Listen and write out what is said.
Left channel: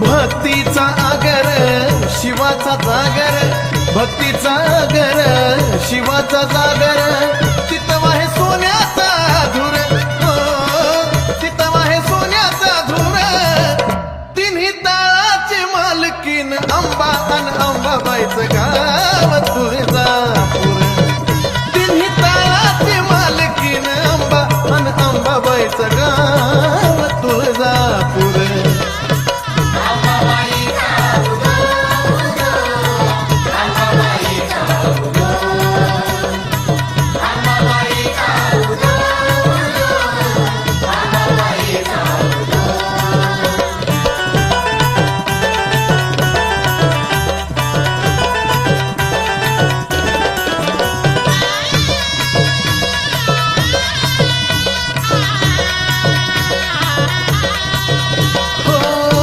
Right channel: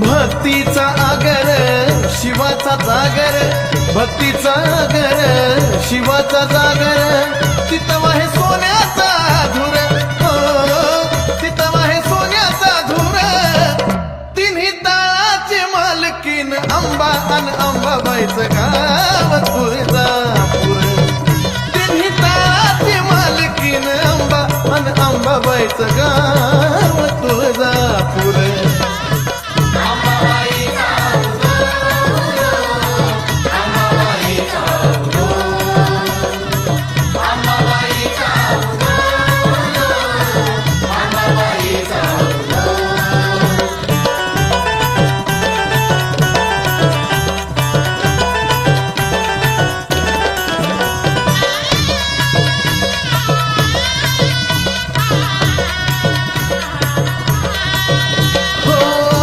भक्तीचा आगर शिवाचा जागर, भक्तीचा आगर शिवाचा जागर, चितवा हे सोन्याचा धूर, हो चितवा हे सोन्याचा धूर, तिन्ही ताळाची मालकीन अंबा अन अंबाबाईचं गाव तुळजापूर, तिन्ही ताळाची मालकीन अंबा अन अंबाबाईचं गाव तुळजापूर.